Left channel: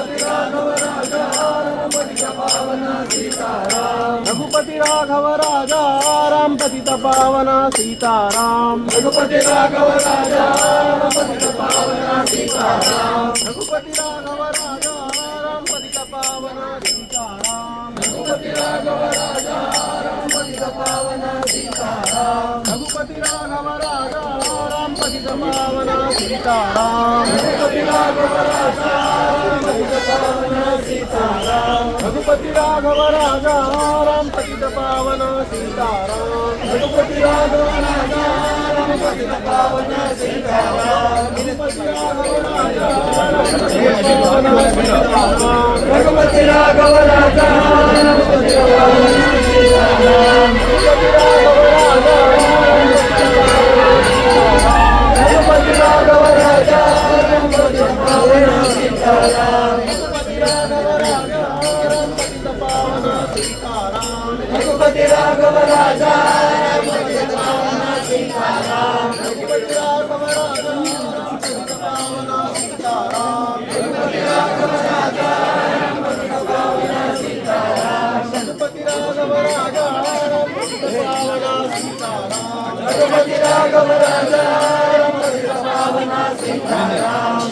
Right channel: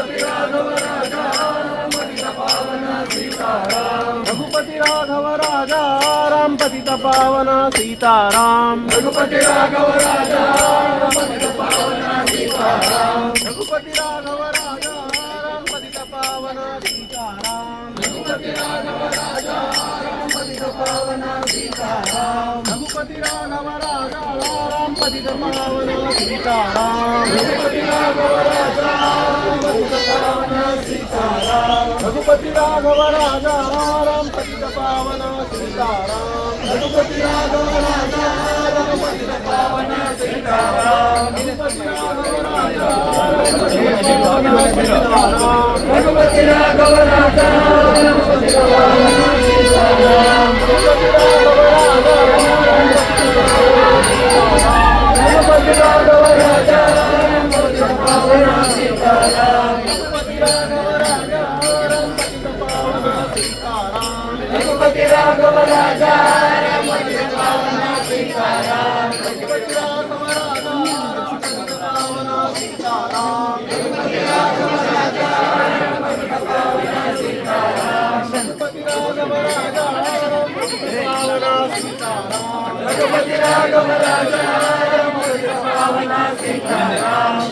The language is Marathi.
रघुपति राघव राजा राम पतित पावना सीताराम। रघुपति राघव राजा राम पतित पावना सीताराम। रघुपति राघव राजा राम पतित पावना सीताराम। रघुपति राघव राजा राम पतित पावना सीताराम। रघुपति राघव राजा राम पतित पावना सीताराम। रघुपति राघव राजा राम पतित पावना सीताराम। रघुपति राघव राजा राम पतित पावना सीताराम। रघुपति राघव राजा राम पतित पावना सीताराम। रघुपति राघव राजा रघुपति राघव राजा राम पतित पावना सीताराम। रघुपति राघव राजा रघुपति राघव राजा राम पतित पावना सीताराम। रघुपति राघव राजा राम पतित पावना सीताराम। रघुपति राघव राजा रघुपति राघव राजा राम पतित पावना सीताराम। रघुपति राघव राजा राम पतित पावना सीताराम। रघुपति राघव राजा राम पतित पावना सीताराम।